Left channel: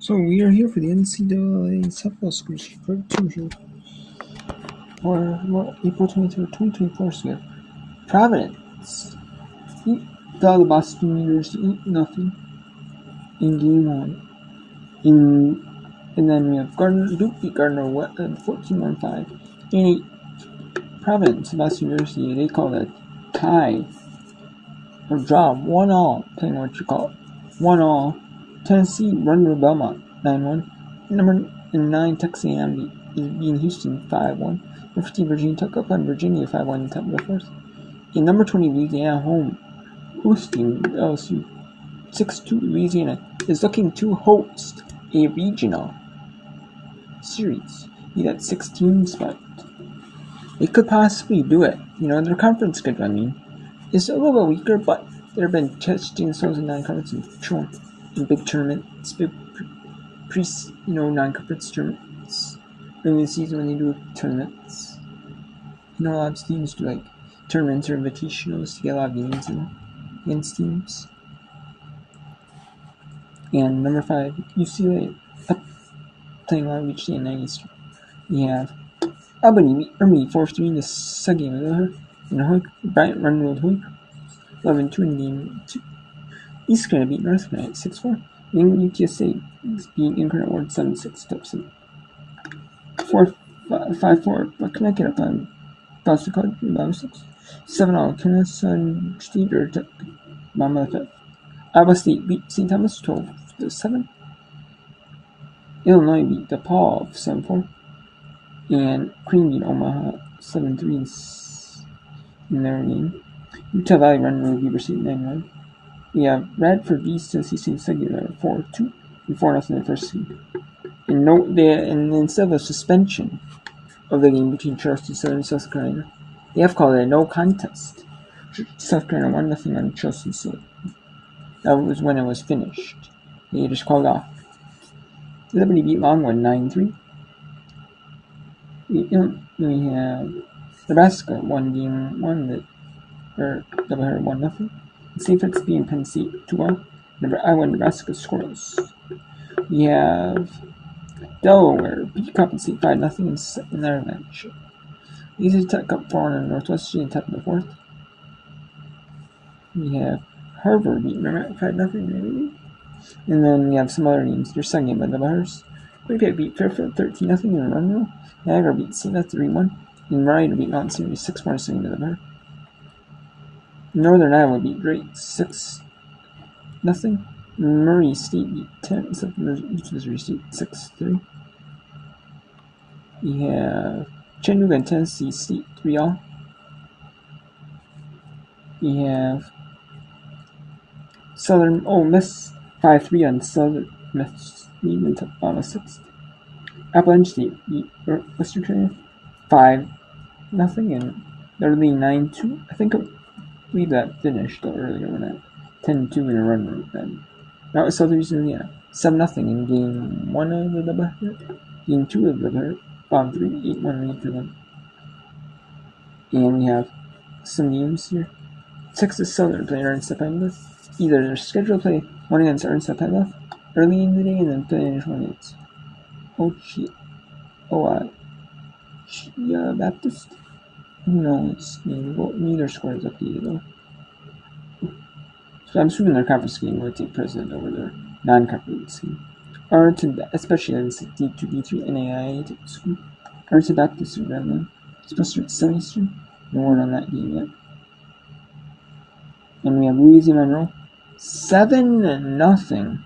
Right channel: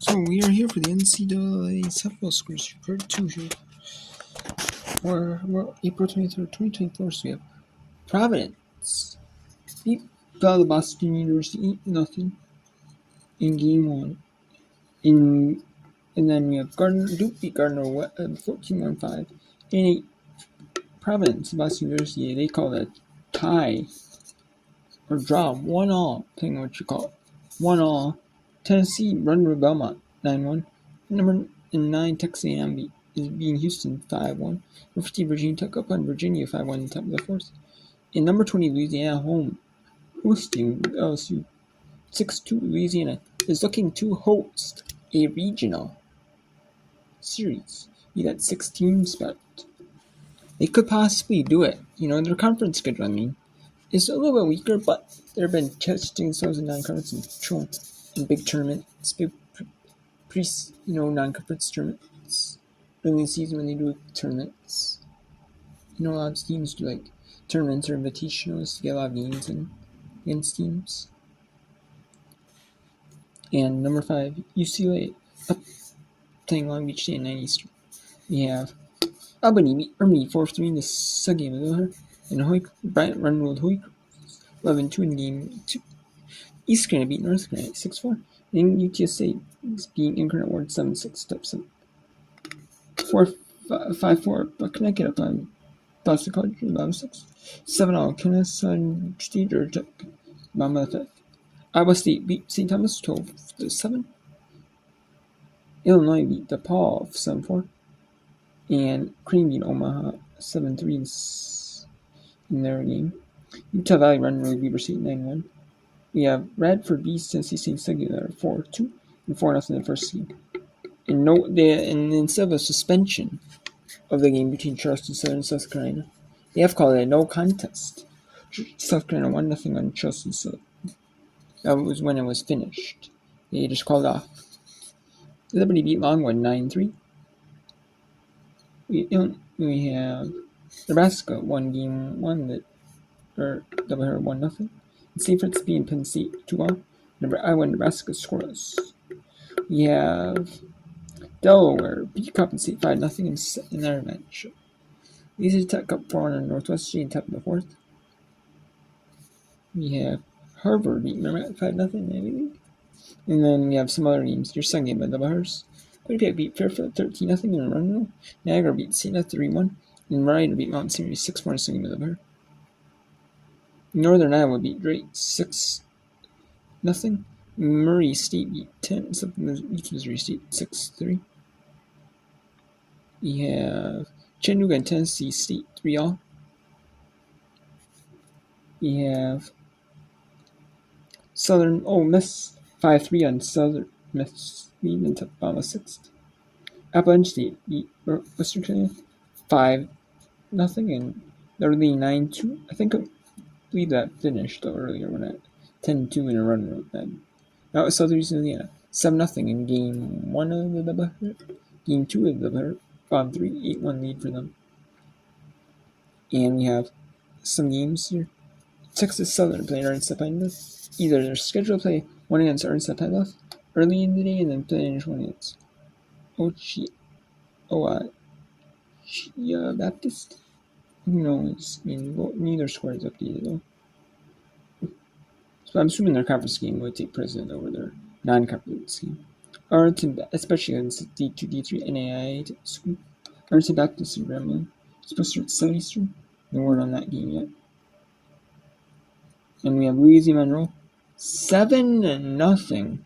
So we are here for the NCAA softball scores part 2 here. For April 23rd, 2024. So we have Providence fell the Boston University 8-0 in game 1. And then we have Duke beat Gardner 14-5. In Providence, Boston University, they call it tie or draw 1-all, playing what you call it 1-all. Tennessee run to Belmont 9-1. Number 9 Texas A&M is beating Houston 5-1. Number 15 Virginia Tech up on Virginia 5-1 in the top of the fourth. In number 20 Louisiana home hosting LSU 6-2. Louisiana is looking to host a regional series. Be that 6-team spot. They could possibly do it. Their conference schedule, is a little bit weaker, but they've been testing themselves in non-conference and big tournaments, big non-conference tournaments early in the season when they do tournaments. A lot of teams do like tournaments or invitationals to get a lot of games against teams. And number 5, UCLA up playing Long Beach State at 9 Eastern. We have Albany beat Army 4-3 in the second game of the and Bryant run-rolled Hoyt 11-2 in game 2. East Carolina beat North Carolina 6-4. And UTSA is beating Incarnate Word 7-6 top 7. 5-4, but Connecticut up on Boston College 11-6. 7-all Kennesaw State Georgia Tech bottom of the 5th. Iowa State beat St. Thomas 12-7. Illinois beat DePaul 7-4. And Cream beat Omaha 7-3 in their game. Utah Valley run really Weber State 9-1. We have Radford beats Tennessee State Singular 4-2 and 4-0 in the first game. And instead of a suspension of the game between Charleston Southern and South Carolina, they have called it a no contest. South Carolina 1-0 on Charleston Southern. That was when it was finished. They just called off. Liberty beat Longwood 9-3. We have Nebraska won game 1 doubleheader 1-0. St. Francis beating Penn State 2-1. Iowa and Nebraska scoreless. We have Delaware beat Coppin State 5-0 in their match. Easy Tech up 4-1 Northwest G in top of the fourth. We have Harvard beat Merrimack 5-0 maybe. And then we have some other games. Your second game by the Bars. Quinnipiac beat Fairfield 13-0 in a run roll. Niagara beat Siena 3-1. And Rider beat Mountain Series 6-4 in the second game by the Bar. Northern Iowa beat Drake 6-0. Murray State beat East Missouri State 6-3. We have Chattanooga and Tennessee State 3-all. We have Southern Miss 5-3 on Southern Miss lead in the bottom of 6th. Appalachian State beat Western Carolina 5-0 and they're leading 9-2. I believe that finished earlier when at 10-2 in a run route then. That was Southeastern Indiana 7-0 in game 1 of the doubleheader. Game 2 of the doubleheader. Bottom 3, 8-1 lead for them. And we have some games here. Texas Southern playing Ernst Penrith. Either they're scheduled to play one against Ernst Penrith early in the day and then play one against Chia Baptist. Who knows? Neither score is updated though. So I'm assuming their conference game would take precedent over their non-conference game. Arlington, especially against D2, D3, NAIA school. Arlington Baptist in Grambling. Supposed to start 7 Eastern. No word on that game yet. And we have Louisiana Monroe 7-0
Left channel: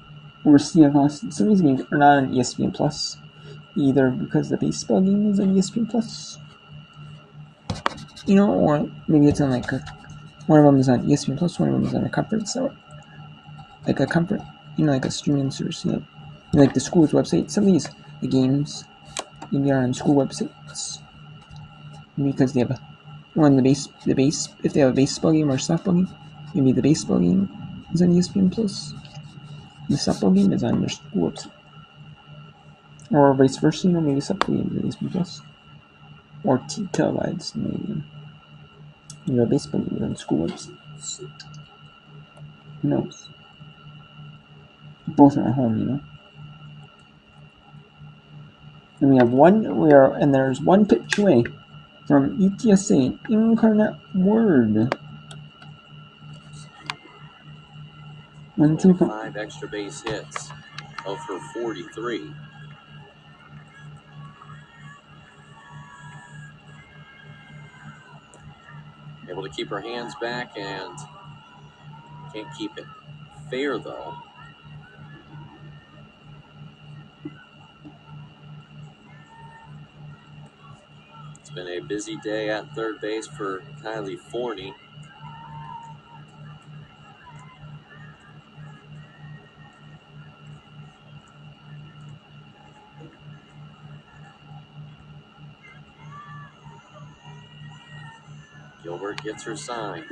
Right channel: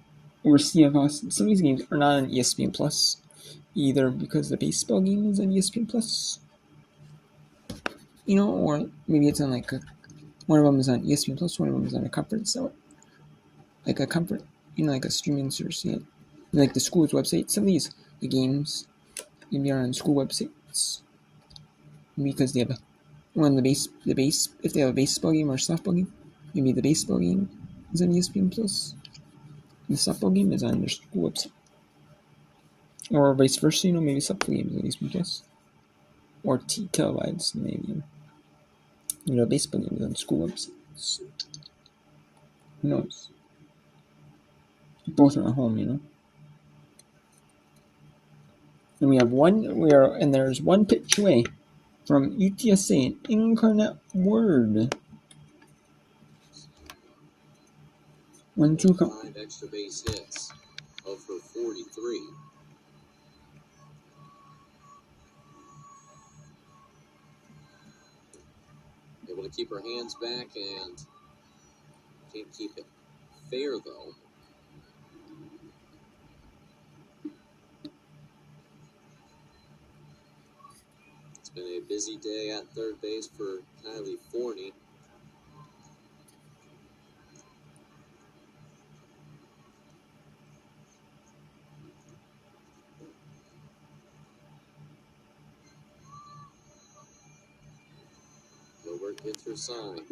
over CF Austin. Some of these games are not on ESPN Plus, either because the baseball game is on ESPN Plus, or maybe it's on one of them is on ESPN Plus, one of them is on a conference, or like a conference, like a streaming service. Like the school's website. Some of the games maybe are on school websites because they have the base. If they have a baseball game or a softball game, maybe the baseball game is on ESPN Plus. The softball game is on their school website. Or vice versa, maybe softball game is on ESPN Plus. Or televised, maybe. Baseball game is on school websites. Who knows? Both are at home, And there's one pitch away from UTSA, an Incarnate Word. 1-2 count. 5 extra base hits of her 43. Able to keep her hands back and can't keep it fair though. It's been a busy day at third base for Kylie Forney. Gilbert gets her sign.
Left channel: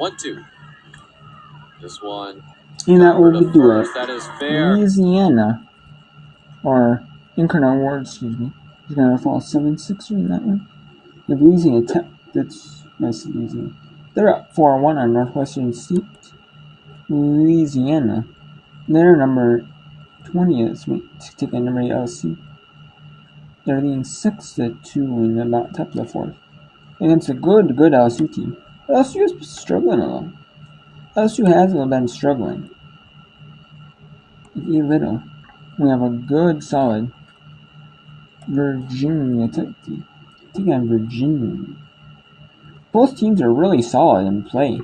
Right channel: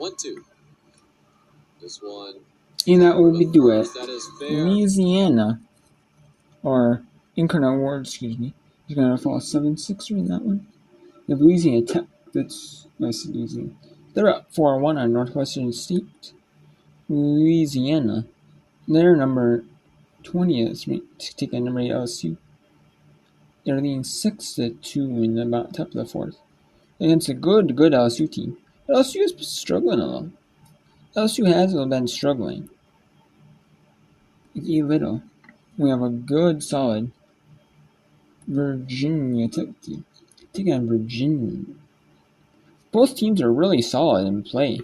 1-2. This one. And that would be do it. That is fair. Louisiana, or Incarnate Word, excuse me. He's going to fall 7-6 in that one. The Louisiana Tech, that's nice and easy. They're up 4-1 on Northwestern State. Louisiana. They're number 20 this week to take a number 8 LSU. They're leading 6-2 in about top of the fourth. Against a good LSU team. LSU has been struggling a lot. LSU has been struggling. With E little. We have a good, solid Virginia Tech team. Taking on Virginia. Both teams are really solid in play.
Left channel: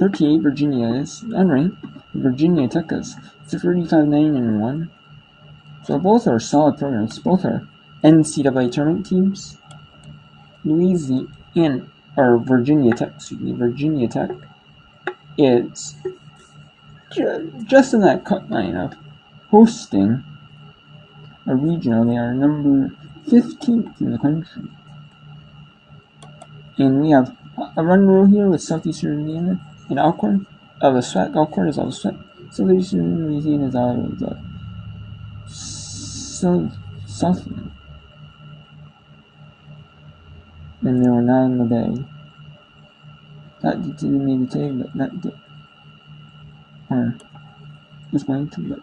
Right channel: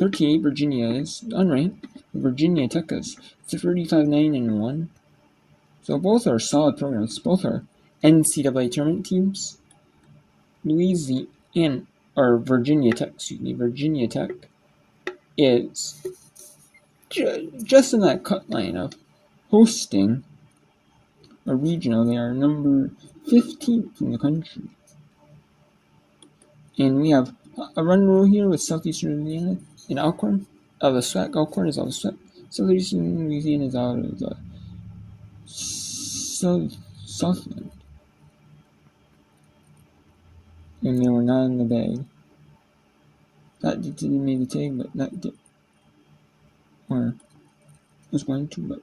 38 Virginia is unranked. Virginia Tech is 35-9-1. So both are solid programs. Both are NCAA tournament teams. Virginia Tech is just in that cut line of hosting a regional. They are number 15th in the country. And we have a run rule here with Southeastern Indiana and Alcorn. The SWAC. Alcorn is out of the SWAC. Southeastern Louisiana is out of the Southland. And they were not in the bag. That didn't make the tag, but that did. Or was going to, but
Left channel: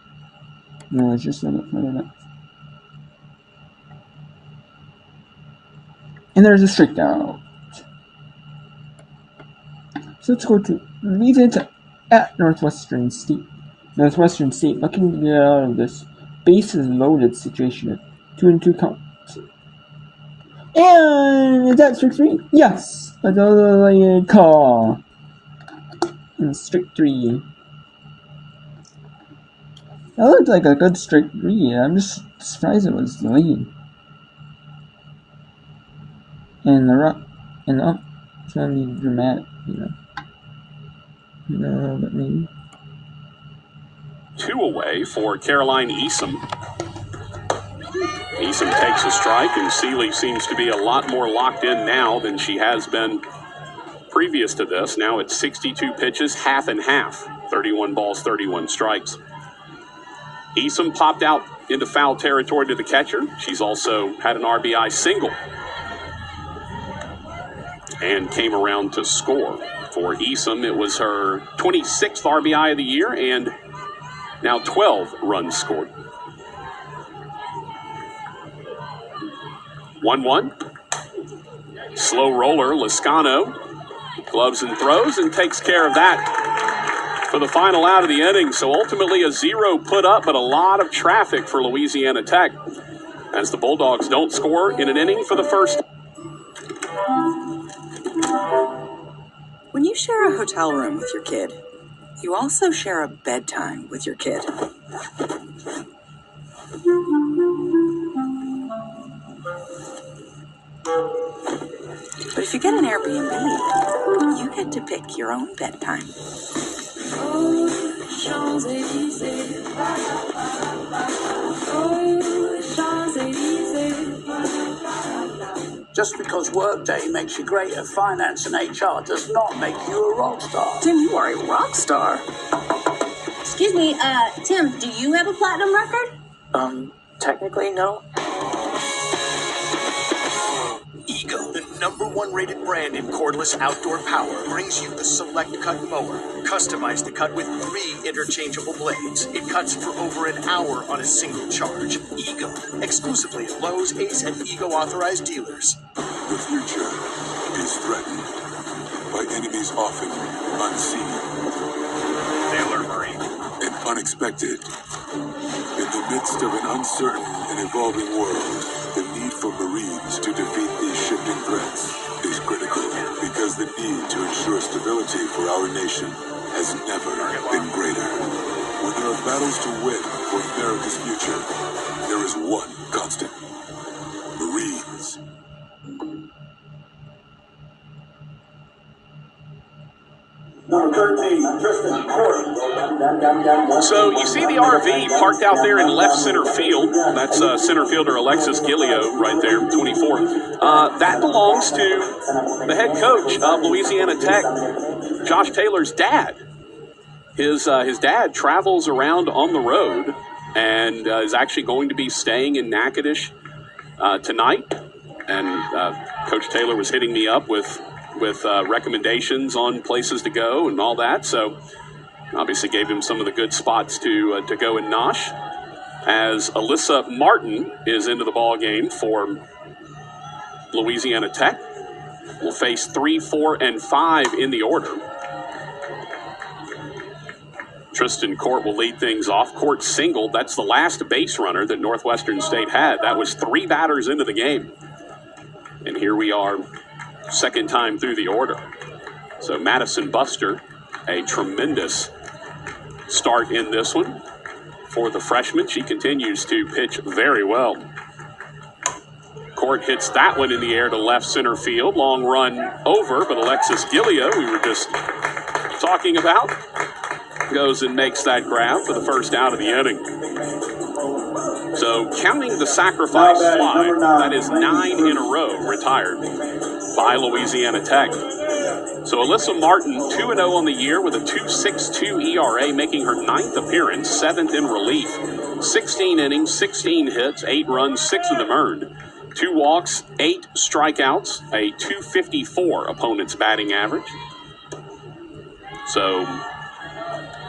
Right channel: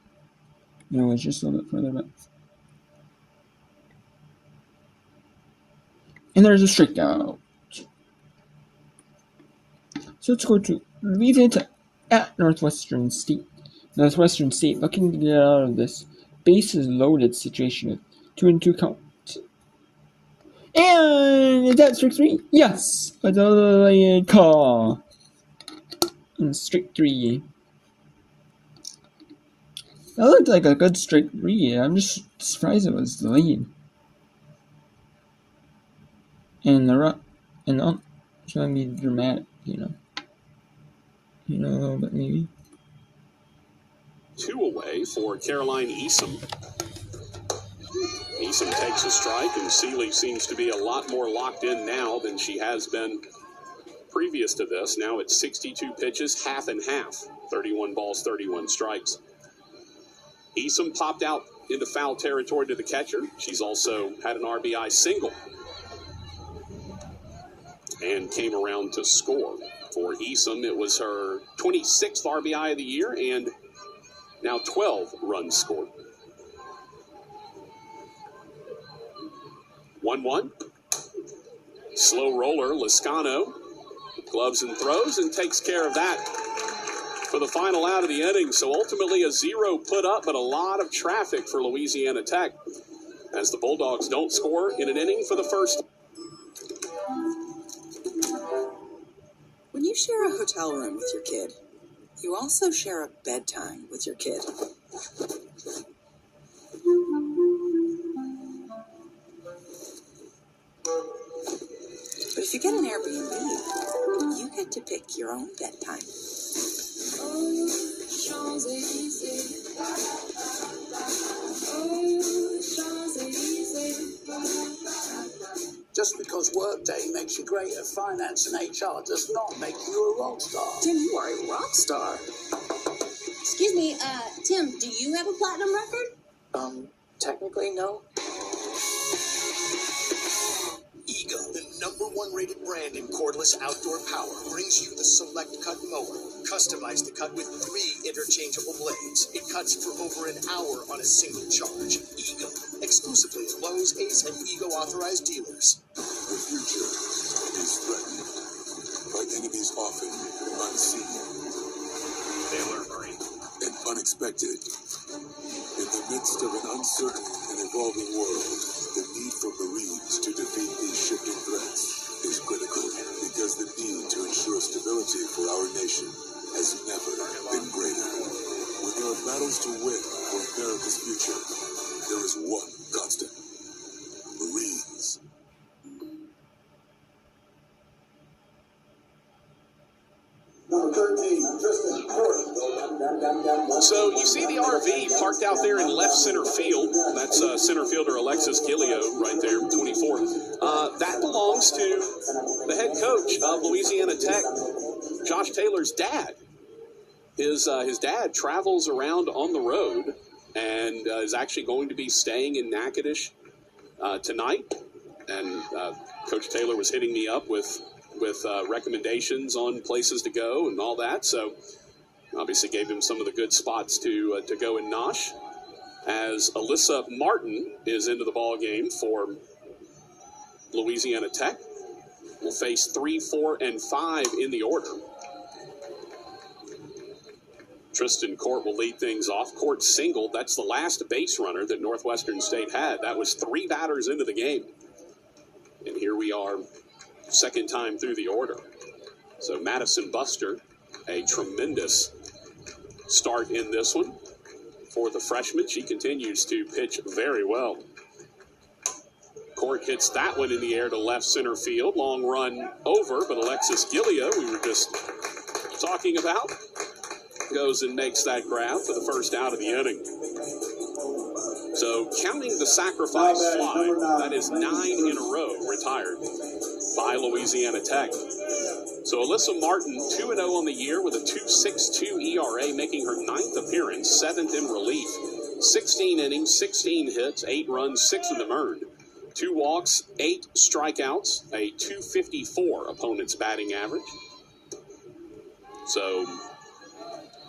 no, it's just a little bit further back. And there's a strikeout. So let's go to Louisiana at Northwestern State. Northwestern State looking to get out of this bases loaded situation with 2-2 count. And is that strike 3? Yes! A delayed call. And strike 3. That looked like a good strike 3. I'm just surprised it was delayed. And it's gonna be dramatic, a little bit maybe. 2 away for Caroline Easom. Easom takes a strike, and Seeley seems to be a lot more locked in now than she has been previous to this. Now it's 62 pitches, half and half. 31 balls, 31 strikes. Easom popped out into foul territory to the catcher. She's also had an RBI single and came around to score. For Easom, it was her 26th RBI of the year and now 12 runs scored. 1-1. Slow roller, Lascano gloves and throws and takes care of that for the final out of the inning. So ultimately a 0 put up, but a lot of traffic for Louisiana Tech as the Bulldogs don't score in an inning for the first. When you share a hotel room with your kid, you also share a bedtime with your kid. But if you get an Airbnb, you get to pick your own bedtime. Just because Workday makes you great at finance and HR does not make you a rock star. Tim, you are a rock star. Excuse me, Tim, do you have a platinum record? Technically, no. Ego. #1 rated brand in cordless outdoor power, brings you the Select Cut mower. Customized to cut with 3 interchangeable blades. It cuts for over an hour on a single charge. Ego. Exclusively at Lowe's, Ace, and Ego authorized dealers. The future is threatened by enemies often unseen. Taylor Murray. And unexpected. In the midst of an uncertain and evolving world, the need for Marines to defeat these shifting threats is critical, because the need to ensure stability for our nation has never been greater. When there are battles to win for America's future, there is one constant: Marines. Number 13, Tristan Court. So you see the RV parked out there in left center field. That's center fielder Alexis Gilio right there, 24. That belongs to the head coach of Louisiana Tech, Josh Taylor's dad. His dad travels around on the road and is actually going to be staying in Natchitoches tonight. And Coach Taylor was hitting me up with recommendations on places to go and all that. So obviously gave him some of the good spots to go in Nosh. As Alyssa Martin is into the ball game for Louisiana Tech. Will face 3, 4, and 5 in the order. Tristan Court will lead things off. Court singled. That's the last base runner that Northwestern State had. That was 3 batters into the game. And here we are, second time through the order. So Madison Buster, a tremendous start in this one for the freshman. She continues to pitch very well. Court hits that one in the air to left center field. Long run over, but Alexis Gilio, we were just talking about, goes and makes that grab for the first out of the inning. So counting the sacrifice fly, that is 9 in a row retired by Louisiana Tech. So Alyssa Martin, 2-0 on the year with a 2.62 ERA, making her 9th appearance, 7th in relief. 16 innings, 16 hits, 8 runs, 6 of them earned. 2 walks, 8 strikeouts, a 254 opponent's batting average. So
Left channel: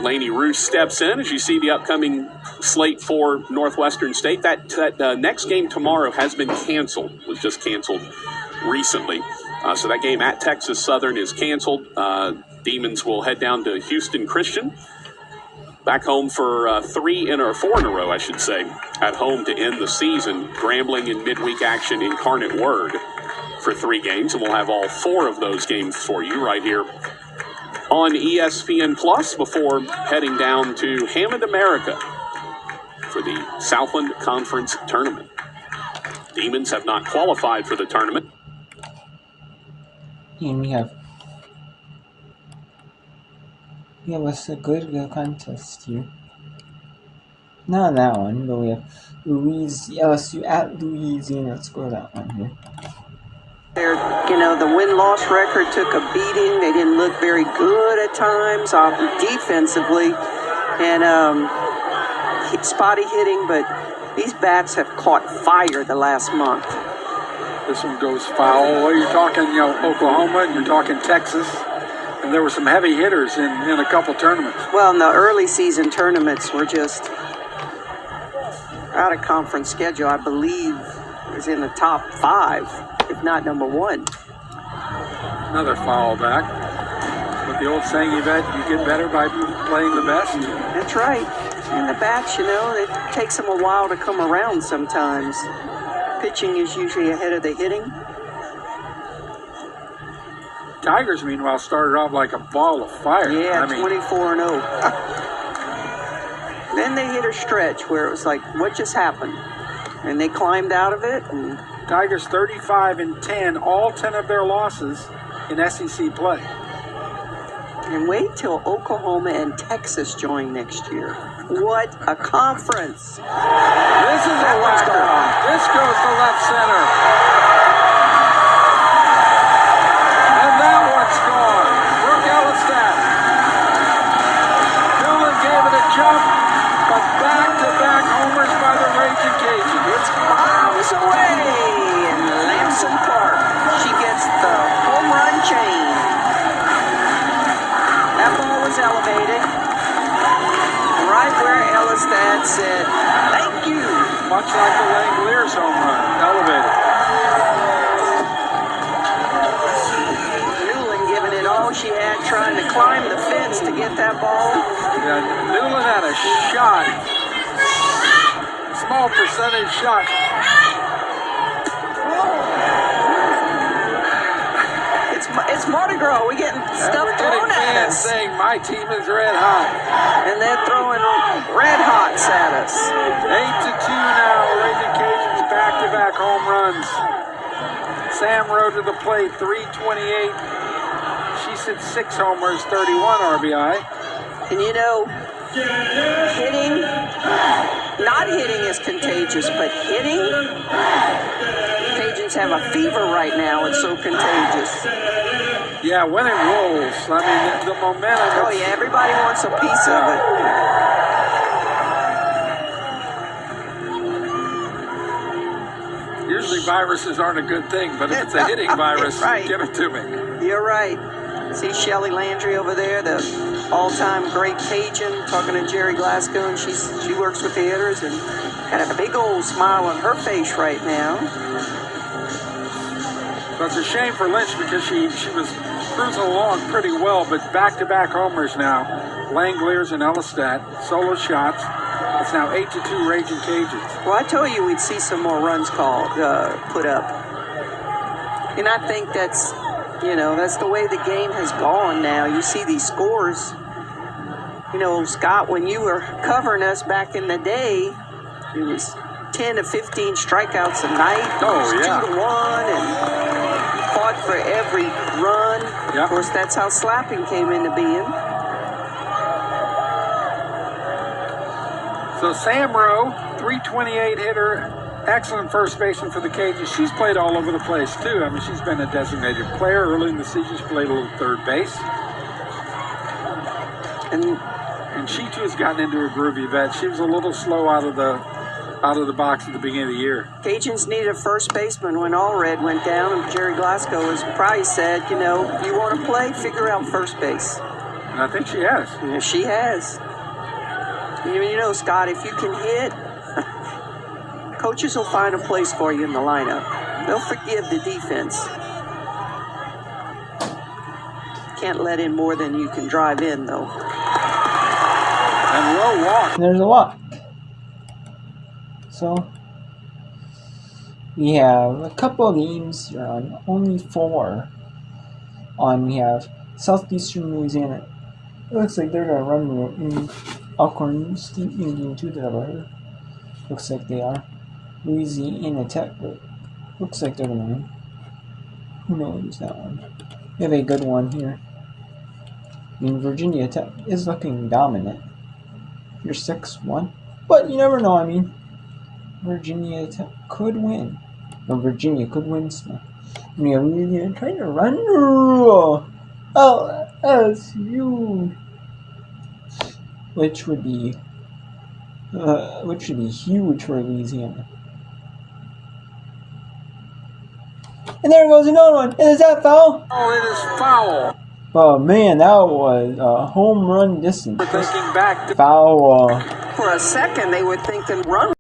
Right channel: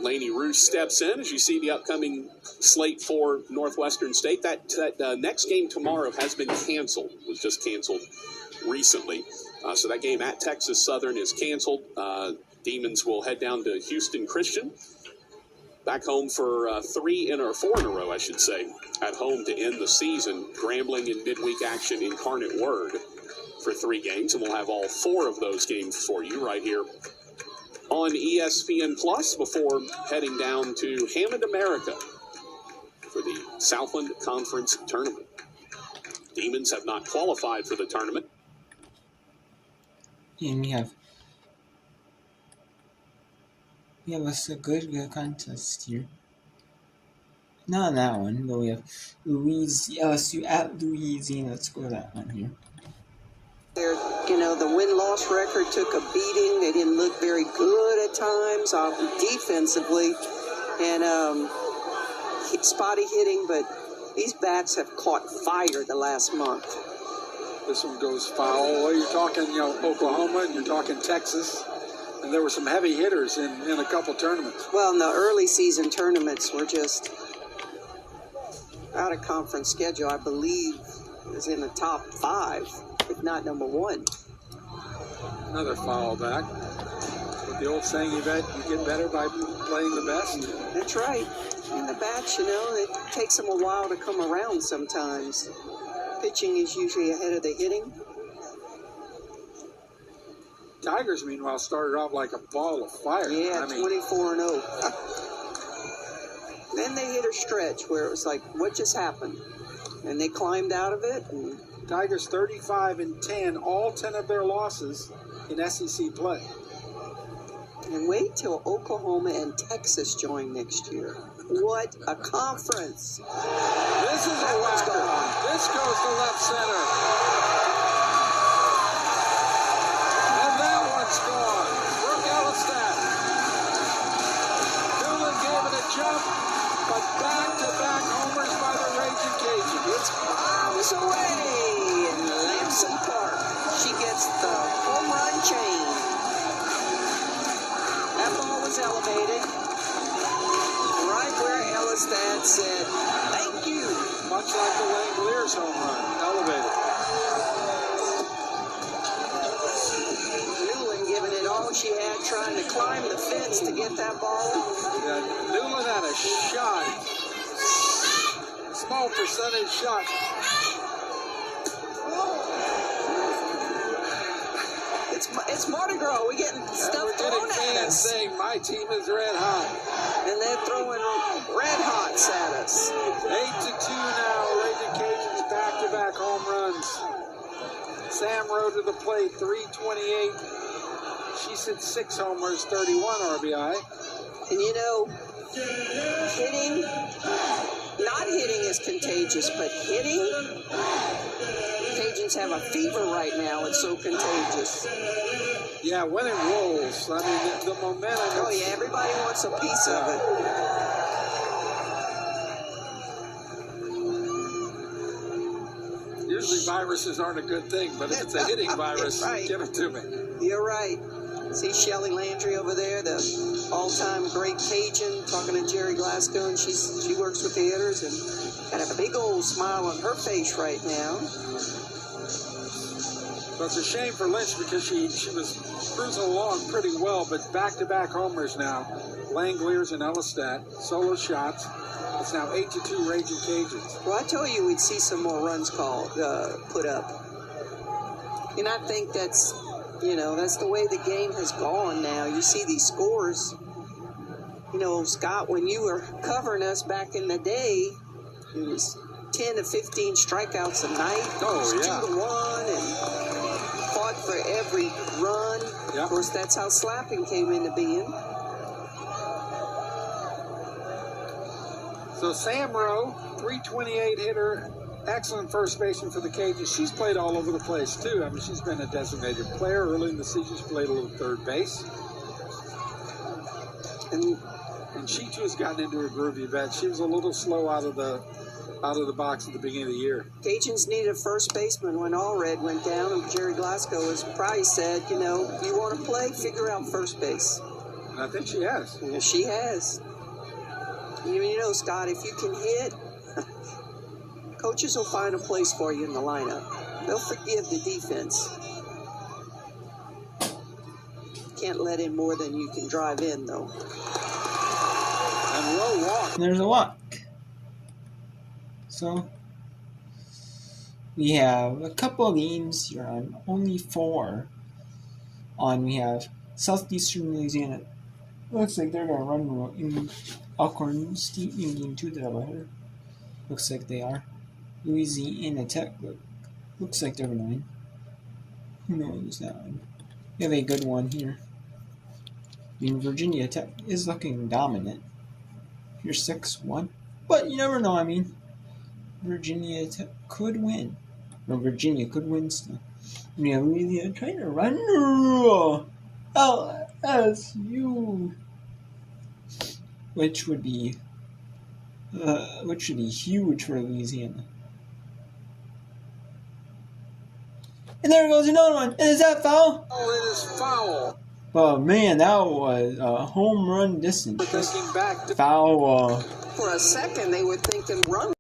Lainey Roos steps in as you see the upcoming slate for Northwestern State. That next game tomorrow has been canceled, was just canceled recently. So that game at Texas Southern is canceled. Demons will head down to Houston Christian. Back home for 4 in a row, I should say, at home to end the season. Grambling in midweek action, Incarnate Word for 3 games. And we'll have all 4 of those games for you right here on ESPN Plus before heading down to Hammond, America for the Southland Conference Tournament. Demons have not qualified for the tournament. And we have a good contest here. Not on that one, but we have LSU at Louisiana. Let's go to that one here. The win-loss record took a beating. They didn't look very good at times defensively, and spotty hitting, but these bats have caught fire the last month. This one goes foul. Well, you're talking, Oklahoma, and you're talking Texas, and there were some heavy hitters in a couple tournaments. Well, in the early season tournaments were just out of conference schedule. I believe is in the top 5, if not number 1. Another foul back. But the old saying, you get better by playing the best. That's right. And the bats, it takes them a while to come around sometimes. Pitching is usually ahead of the hitting. Tigers, meanwhile, started off like a ball of fire. Yeah, 24-0. Then they hit a stretch where it was like, what just happened? And they climbed out of it. And Tigers 35-10, all 10 of their losses in SEC play. And wait till Oklahoma and Texas join next year. What a conference. This is a whacker. This goes to left center. And that one's gone. Brooke Ellistat. Dillon gave it a jump, but back-to-back homers by the Raging Cajun. It's miles away in Lamson Park. She gets much like the Langoliers home run, elevated. Newland giving it all she had, trying to climb the fence to get that ball. Yeah, Newland had a shot. Small percentage shot. It's Mardi Gras. We're getting stuff thrown at us. Saying my team is red hot. And they're throwing red hots at us. 8-2 now. Raging Cajuns back-to-back home runs. Sam Rowe to the plate, 328. She's hit 6 homers, 31 RBI. And you know, hitting, not hitting is contagious, but hitting, Cajuns have a fever right now. It's so contagious. Yeah, when it rolls, I mean, the momentum. Oh, yeah, everybody wants a piece of it. Usually viruses aren't a good thing, but if it's a hitting virus, right. Give it to me. You're right. See Shelly Landry over there, the all-time great Cajun, talking to Jerry Glasgow, and she works with the hitters and got a big old smile on her face right now. So it's a shame for Lynch because she was cruising along pretty well, but back-to-back homers now. Langoliers and Ellistat, solo shots. It's now 8-2 Raging Cajuns. Well, I told you we'd see some more runs put up. And I think that's the way the game has gone now. You see these scores. You know, Scott, when you were covering us back in the day, it was 10 to 15 strikeouts a night. Oh, yeah. 2-1 and fought for every run. Yep. Of course, that's how slapping came into being. So Sam Rowe, 328 hitter, excellent first baseman for the Cajuns. She's played all over the place, too. I mean, she's been a designated player. Early in the season, she played a little third base. And she, too, has gotten into a groovy vet. She was a little slow out of the box at the beginning of the year. Cajuns needed a first baseman when Allred went down, and Jerry Glasgow has probably said, you want to play, figure out first base. And I think she has. Yeah, she has. You know, Scott, if you can hit, coaches will find a place for you in the lineup. They'll forgive the defense. Can't let in more than you can drive in, though. And Rowe walked. There's a walk. So we have a couple of games here on, only 4 on. We have Southeastern Louisiana. It looks like they're gonna run in Alcorn State in game 2 that I've heard. Looks like they are. Louisiana Tech looks like they're gonna win. Who knows that one? We have a good one here. I mean, Virginia Tech is looking dominant. You're 6-1, but you never know. I mean, Virginia Tech could win. Or Virginia could win still. And we have Louisiana trying to run LSU, which would be huge for Louisiana. And there goes another one. And is that foul? Oh, it is foul. Oh man, that was a home run distance. We're thinking back to Foul. For a second, they were thinking run.